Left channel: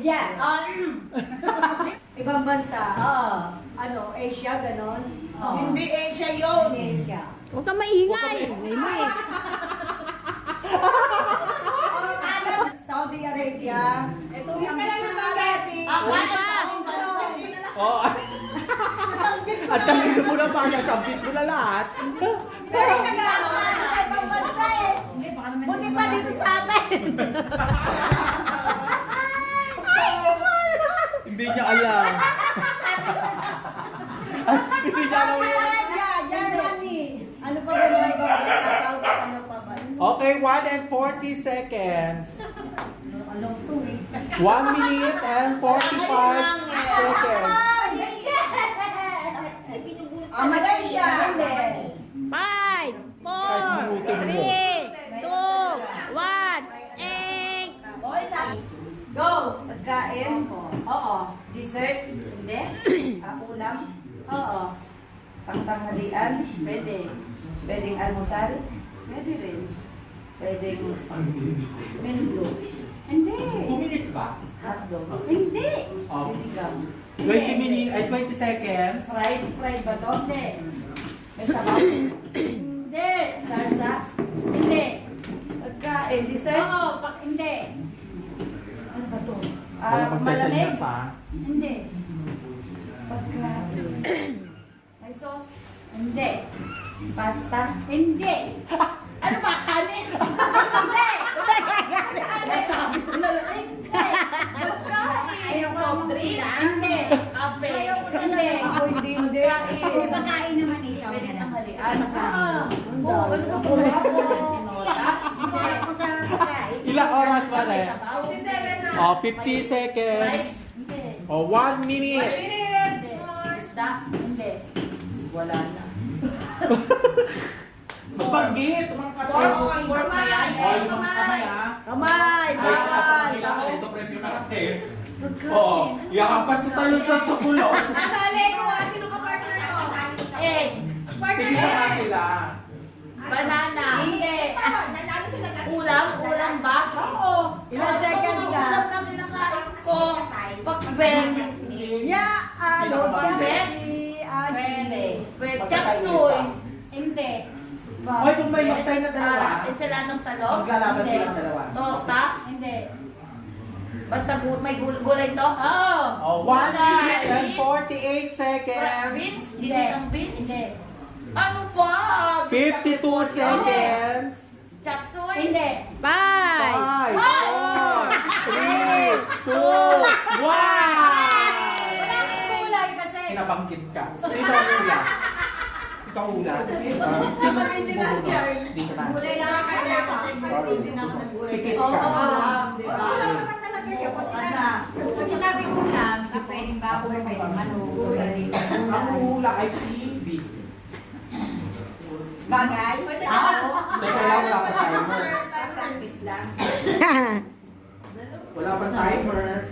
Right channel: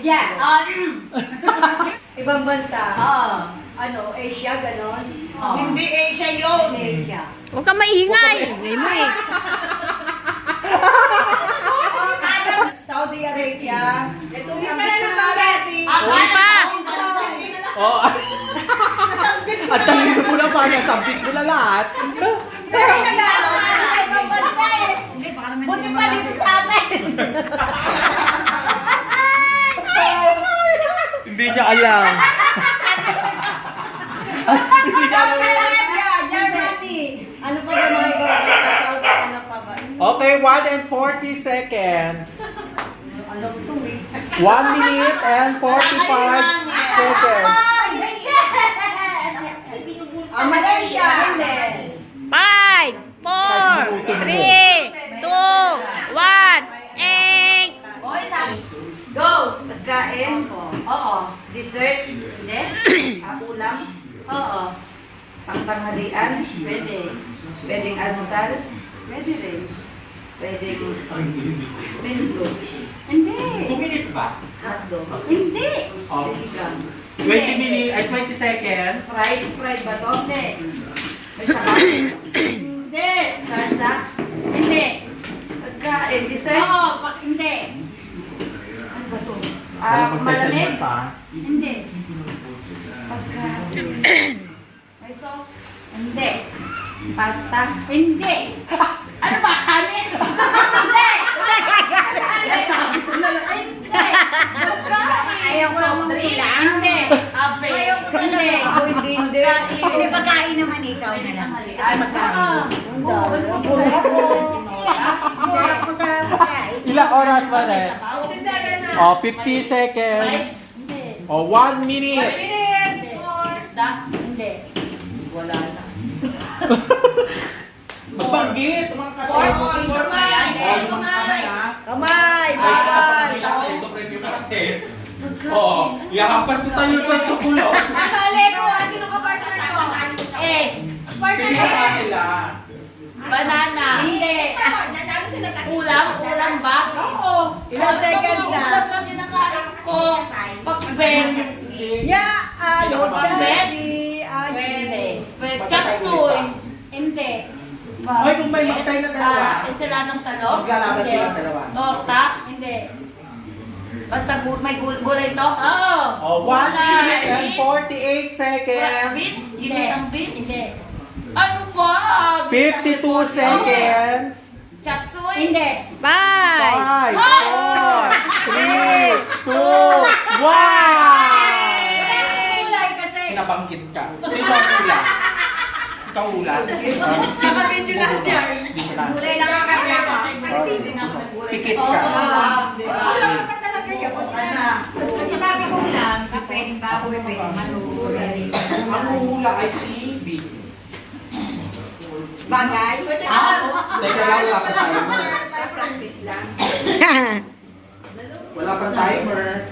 Yeah. Ibang bansa. Oo. Ano, Asia, ganon. Hindi Asia yun. Asia. Huwag ka maingay. Ingay mo eh. Saudi Arabia. Ito yung Hindi na naman. Hindi pa. Oo. At talino mo na pa, nasabit mo na lahat. Buti pa dito sa atin. Hindi niya alam. Hindi niya alam. Germany. Ano pa ba mga ibang bansa? Saudi, ano pa ba? Okay, 1 and 40 seconds. Alam to eh. 1 minute and 45 seconds. Malaysia. Hindi. 5, 4, 3, 2, 1, and... Go! Pagkain. Oo. Dessert. Hindi? Ulam. Oo. Pangtanghalian. Pwede. Pwedeng almusal. Pwede rin. Pwedeng menu. Hindi. 2 minutes ba? Hotdog. Hindi. Oh. Sinigang. 20 minutes, ay 20 seconds. Fried ba to? Hindi. May sabaw. Hindi. Salsa. Hindi. Pagkain. Dessert. Oo. Hindi. Ano ba to? Malamig. Malamig. Hindi. Pagkain. May sauce. Hindi. Pasta. Hindi. Ano ba? Kanin? Hindi. Sabi ko na lang. Hindi. Ayaw ko lang Drinks? Hindi. Ayaw ko Hindi. Ako hindi. Hindi. Hindi pagkain naman ikaw na lang. Ay, magkain. Oo. Ano ba po? Ilang oras ba rin? 57 na. Oh, 50 seconds. Hindi. Oh, 1 minute. Hindi. Isda? Hindi. Wala na. Mabanggit, mga Kamay. Oh, yung mga kamay ha. Kamay. Ay, kapag natin, ito preview natin. Oo, yakampas mo tayo sa tukulo. Kasali ko. Sino ka partner ko? Partner Pili ka sila. Banana. Hindi. Ulam? Ulam ba? Oo. Ilang seconds na? Ulam na kinakain ko. Pakbeng. Yeah. Ano ba? Best? Pwede. Chapsuy. Hindi. Ay, kung may magtay na dalawa. Ensaladong talong? Maglalaban Hindi. silang dalawa. Torta? Hindi. Basta may gulay to? Oo. Oh, 1 minute and 48 seconds. Beans? Ginisang beans? Hindi. Ano ba? 52 seconds. Chapsuy? Hindi. 5, 5, 4, 3, 2, 1. Gulay kasi. Nabanggit ka. Sino ang ula? Ikaw ula? Sa video na Jerry. Dito na. Gulay lang ang kaya kasi hindi na ako nag-gulay. Pikit ka. Wala pa talaga yun. Pag sinabi ko lang, na pwedeng baboy, pwedeng manok, Ang ula ay si Vic. bagay. Teka lang, wala pa timer. Practice lang. Wala pa timer.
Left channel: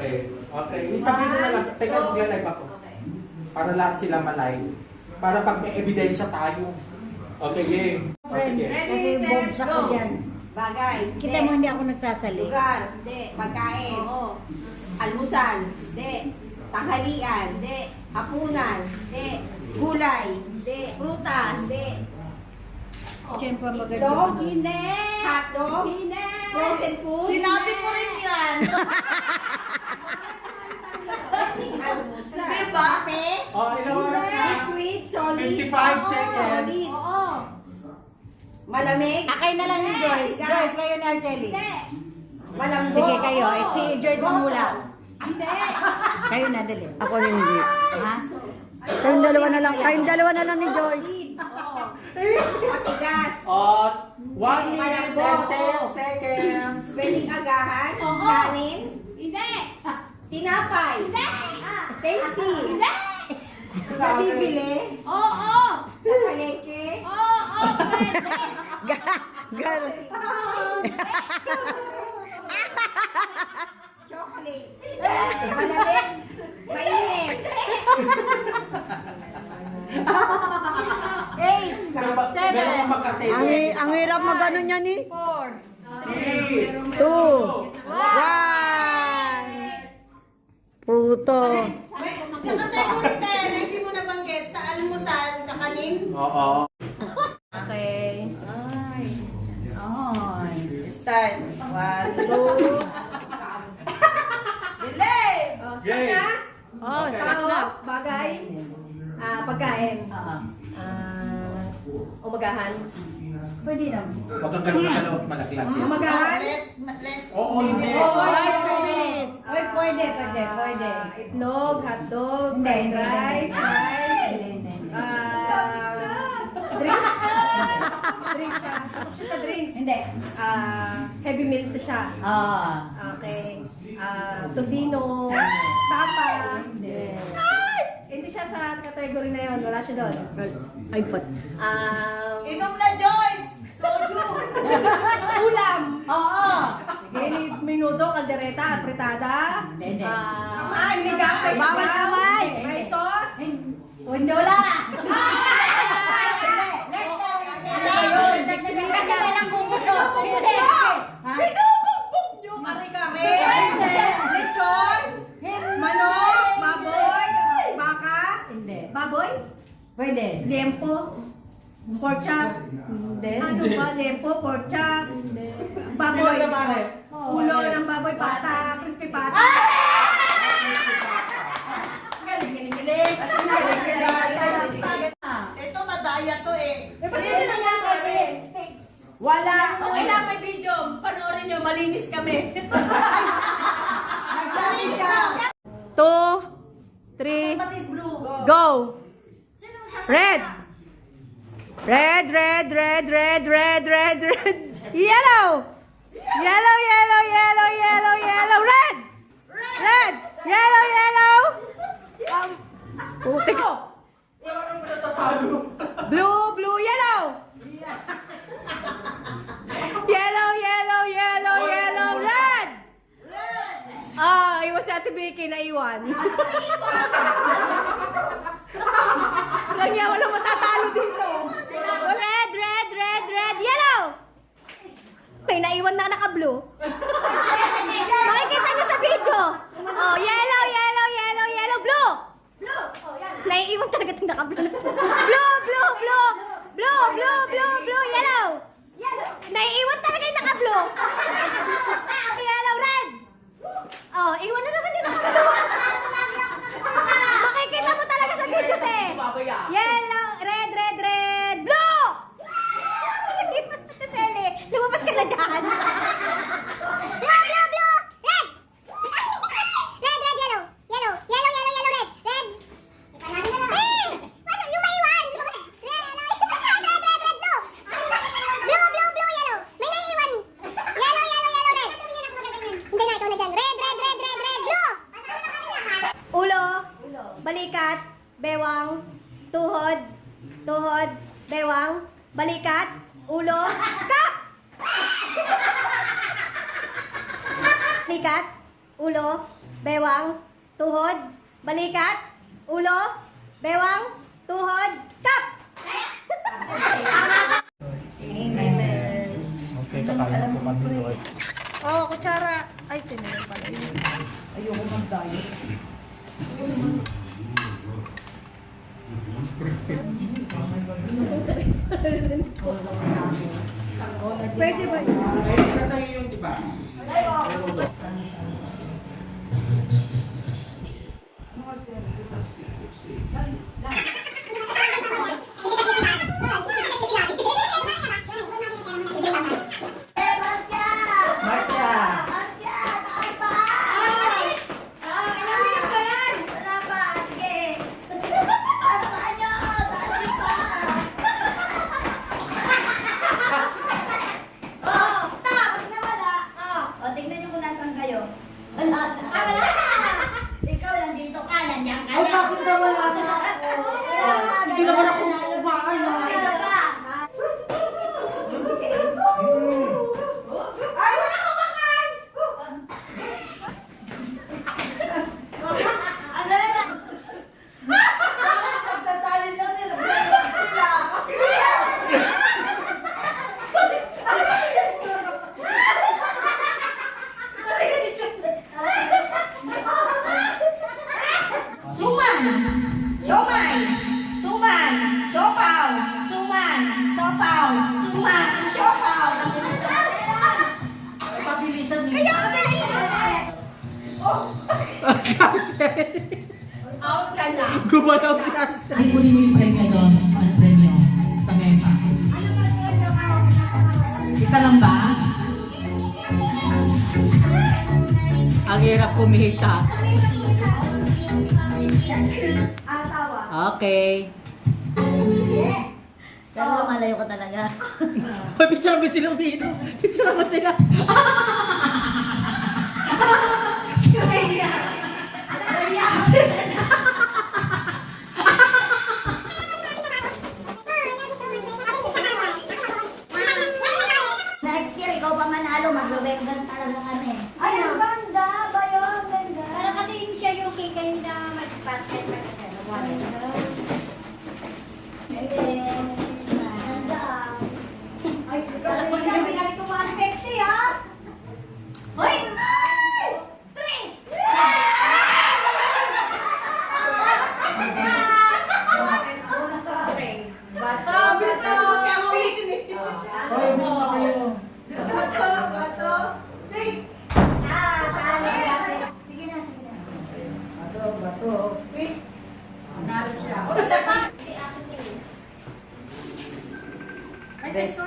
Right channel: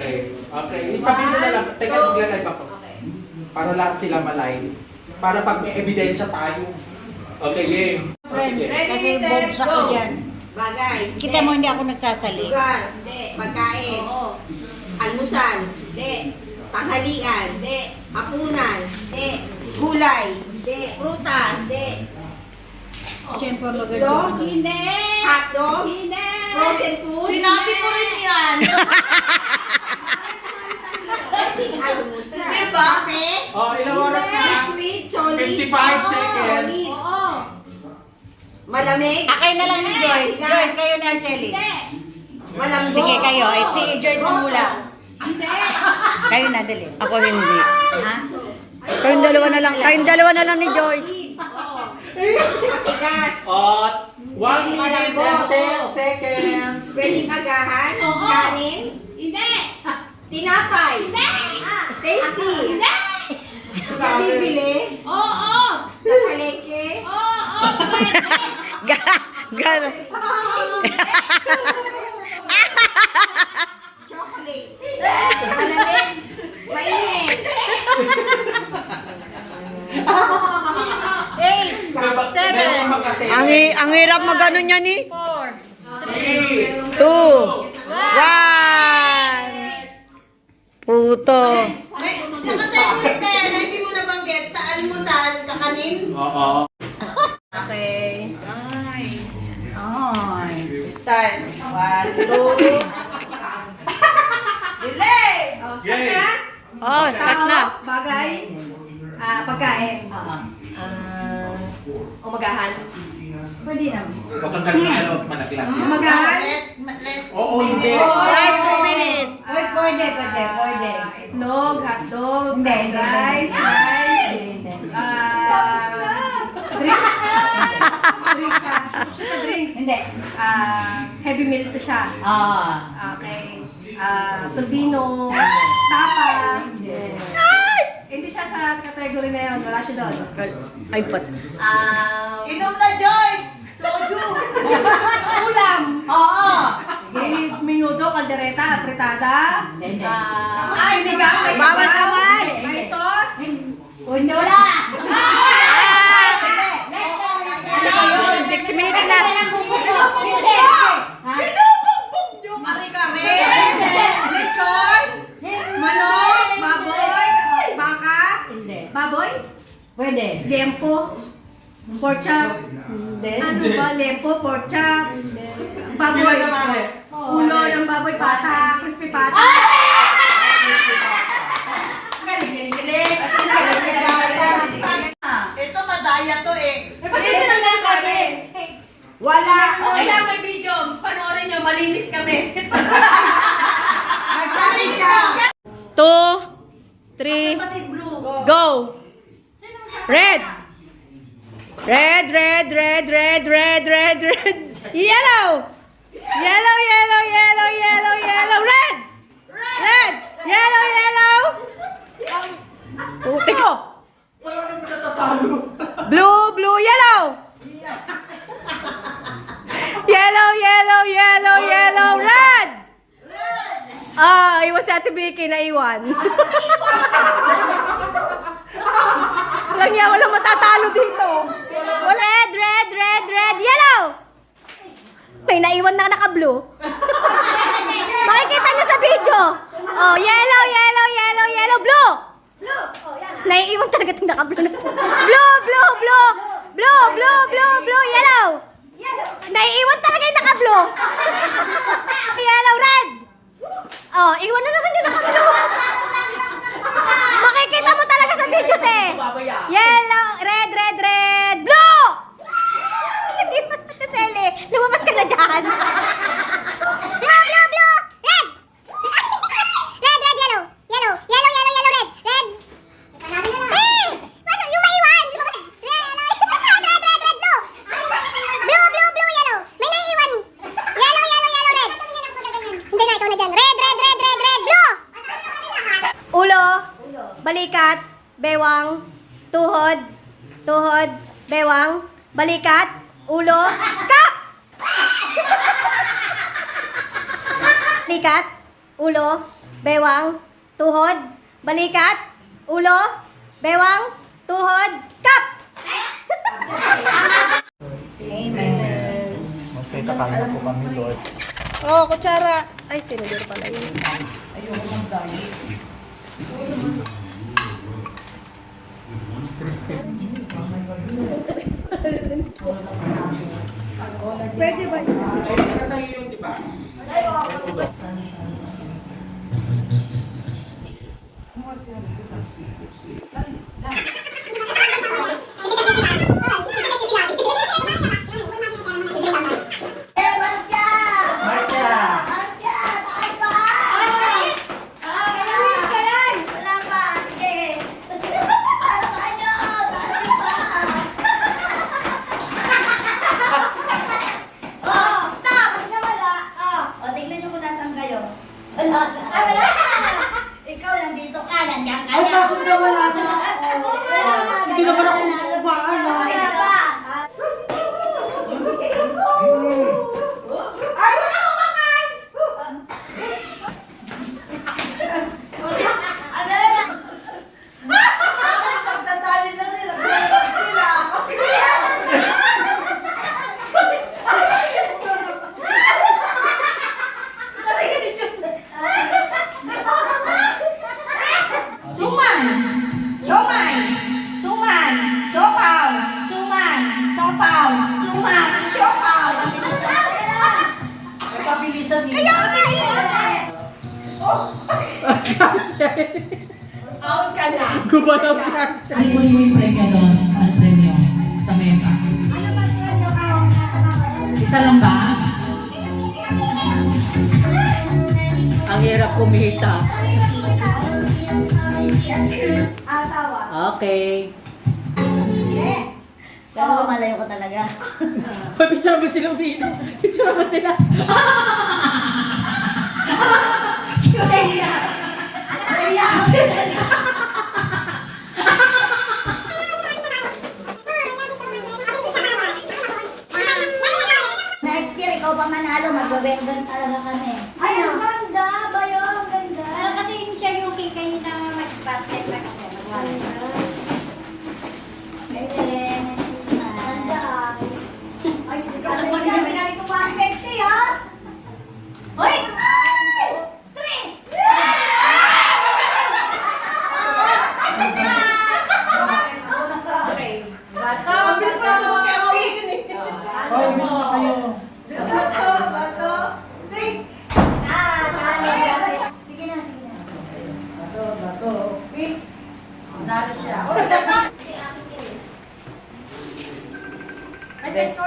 Okay. Okay. Sabihin mo na lang. Teka, magla-live ako. Para lahat sila malay. Para pag may ebidensya tayo. Okay, game. O, sige. Kasi bobs ako dyan. Bagay. Kita mo hindi ako nagsasali. Lugar. Pagkain. Almusal. Tanghalian. Hapunan. Gulay. Prutas. Siyempre Itlog. Hotdog. Frozen food. Sinabi ko rin yan. Almusal. Diba? Kape. Oh, ilang oras na? Liquid. Solid. 55 seconds. Solid. Malamig. Akay na lang ni Joyce. Joyce, kayo na Arceli. Malambot. Sige kayo. Eh, si Joyce mamula. Kayo na, dali. ako hindi. Ha? Kayong dalawa na lang ni Joyce. Matigas. Oh, 1 minute and 10 seconds. Pwedeng agahan. Kanin. Tinapay. Tasty. Nabibili. Sa palengke. Gal. Chocolate. Malamig. Mainit. 8. Meron kang magkate. Ang hirap magano niya ni. 3, 2, 1. Puto. Nakategory na hindi mo nabanggit sa almusal, kakanin. Oo. Okay. Start. 1, 2. Delay! Oh, start Yay! na. Oh, start na. Bagay. Pagkain. Umagahan. Pwede naman. Huwag kang ganun ano, malaki-laki. Umagahan. Oo, hindi. Last 2 minutes. Pwede. Itlog, hotdog, fried rice, drinks. Drinks siya. Pasok siya sa drinks. Hindi. Heavy meal to siya. Okay. Tocino, tapa. Hindi siya sa category na yun. Wala siya doon. Ay, pat. Inom na, Joyce! Soju! Ulam! Oo! Minuto, kaldereta, apritada. Hindi. Sinigang, may Bawal sabaw, kamay. may sauce. Wala. 6 minutes na. Pinubugbog nyo kare-kare. Lechon, manok, baboy, baka, Hindi. baboy, Pwede. lempo, pork chop. Hindi. Ano ba? Lempo, pork chop, baboy, ulo ng baboy, pata, crispy pata. Ito madaya to eh. Pwede lang yan kasi. Wala. Okay lang may video. Panoorin nyo, malinis kami. 2, 3, go. Red. Red. Yellow. Yellow. Red. Yellow. Putik. Blue, yellow. Yellow, red. Iwan si Ate Vicky, naiwan. Walang matatalo dito. Red, yellow. May naiwan na naka-blue. Makikita niyo sa video. Oh, yellow, blue. Naiiwan talaga itong naka-blue na to. Blue, yellow. Naiiwan talaga yung naka-blue. Yellow, red. Oh, iwan na naman yung naka-blue. Makikita mo talaga sa video, te. Yellow, red, blue. Kaseli, lumabas ka na dyan. Blue, red. Red, yellow. Yellow, red. Ano, yung maiwan. Red, blue. Blue, yellow. May naiiwan. Yellow, red. Hindi na, ikaw na dyan. Red, blue. Ulo, balikat, bewang, tuhod, bewang, balikat, ulo, kap! Balikat, ulo, bewang, tuhod, balikat, ulo, bewang, tuhod, kap! Amen. Okay, kakain na po kami, Lord. Oh, kutsara. Ay, tinuli pala yun. Pwede ba? Isa sa iyo yung diba? Ikaw nandito ka, nandiyan ka Ay, na. bakit na wala na? Hindi naman ako kumain. Ay, na ba? Ay, wala akong makain! Ano na? Pagtatali lang nila. Out ka na. Gumalaw si Arcel. Ay, yung premyo doon, ang premyo sa mesa. Isa lang ba? Ang hirap kumita. Ang tawa. Okay. Pero malayo ko talaga. Picture mo sila umiinom. Picture mo sila. Next year, ikaw pang manalo, magbabengan talaga kami. Ay, ang ganda! Bayo, ang ganda! Kasi siya yung kikay na mag-basket na kasi. Ayan, Christmas. Ay, alam mo na pinay ko 150 ha? Hoy! Bato, bato. Bato, bato. Wait. Sige na, sige na. Bato, bato. Wait. Nalo siya. O, isa pa. Best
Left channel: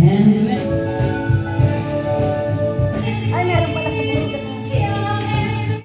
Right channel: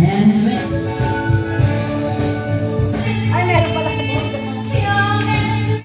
And